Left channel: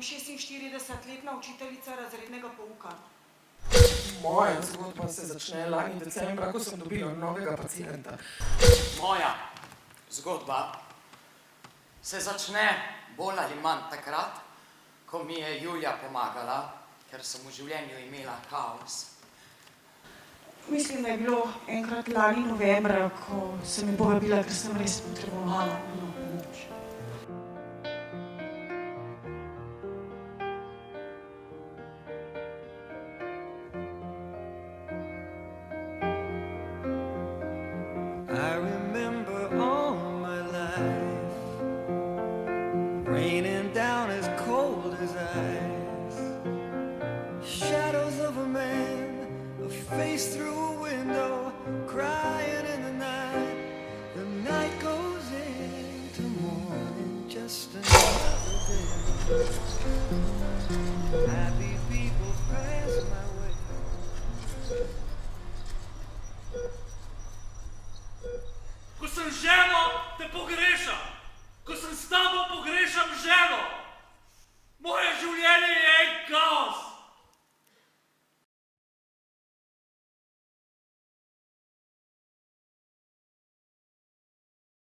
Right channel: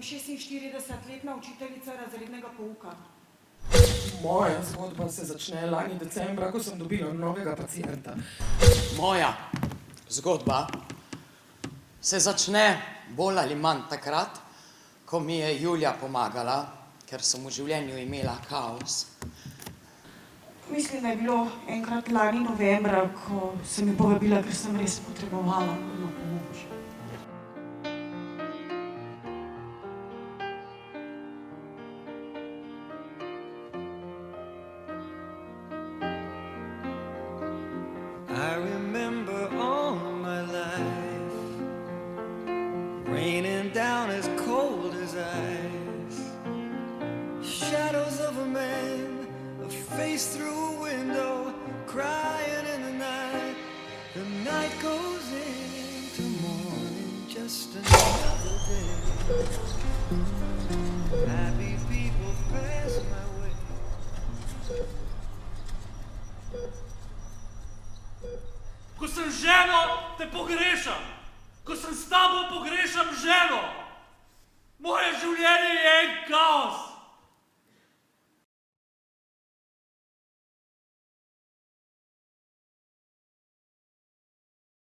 Sem 46-letna učiteljica razrednega pouka. Moja zgodba se začne lani decembra, ko sem dobila novega pacienta. Moja zgodba se začne bolj ali manj takrat, ko mi je Julija pomagala, ker sem v življenju imela kaos. Mislim, da je bilo enkrat lani novembra, ko sem me povabila, ker sem res potrebovala nujno pomoč. I remember all my life raining down as cold as ice. Shadows of a man, a face through a window, crying in the night. The night goes into morning, just another day. Happy people pass my way.